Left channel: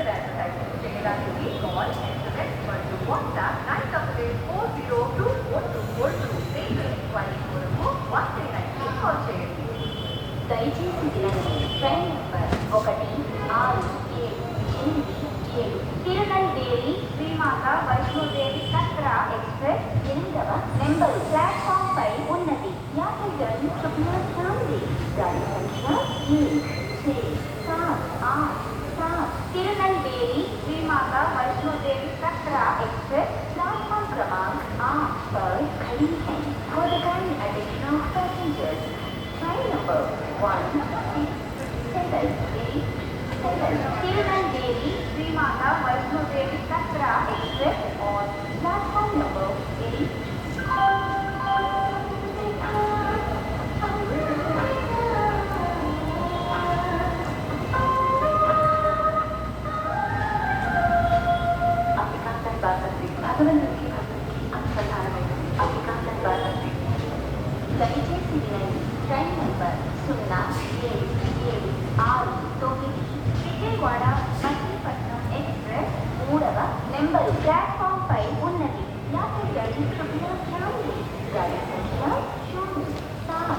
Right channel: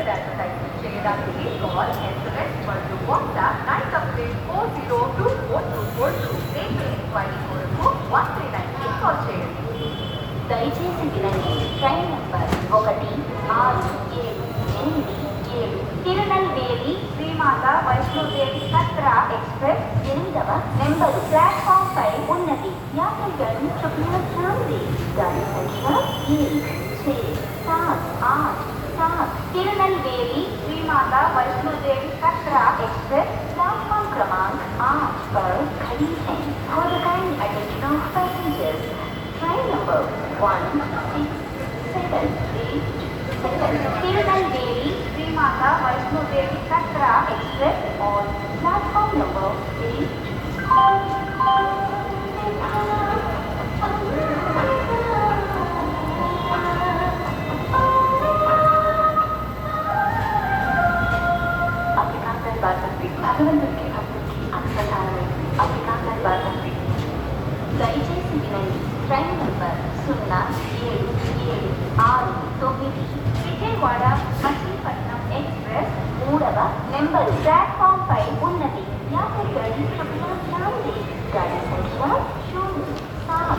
advertisement చేయడానికి call SMS మరియు WhatsApp 9848402424 రేపు ఎంక్వైరీ కొరకు 139 కాల్ చేయండి. దయచేసి వినండి. Train number 1677 Tirunelveli Srimata Vaishno Devi Katra express 8వ నెంబర్ ప్లాట్ఫామ్ పై ఉన్నది. యాత్రికులను कृपया ध्यान दें. गाड़ी संख्या 1678 तिरुनल्वेली శ్రీమాత వైష్ణోదేవి కత్రా एक्सप्रेस प्लेटफॉर्म क्रमांक 8 पर खड़ी है. For the kind attention of passengers, train number 1678 Tirunelveli Srimata Vaishno Devi Katra express on platform number 8. దయచేసి వినండి. Train number 077669 Vijayawada Machilipatnam express 3వ నెంబర్ ప్లాట్ఫామ్ పై ఉన్నది. యాత్రికులను कृपया ध्यान दें. गाड़ी संख्या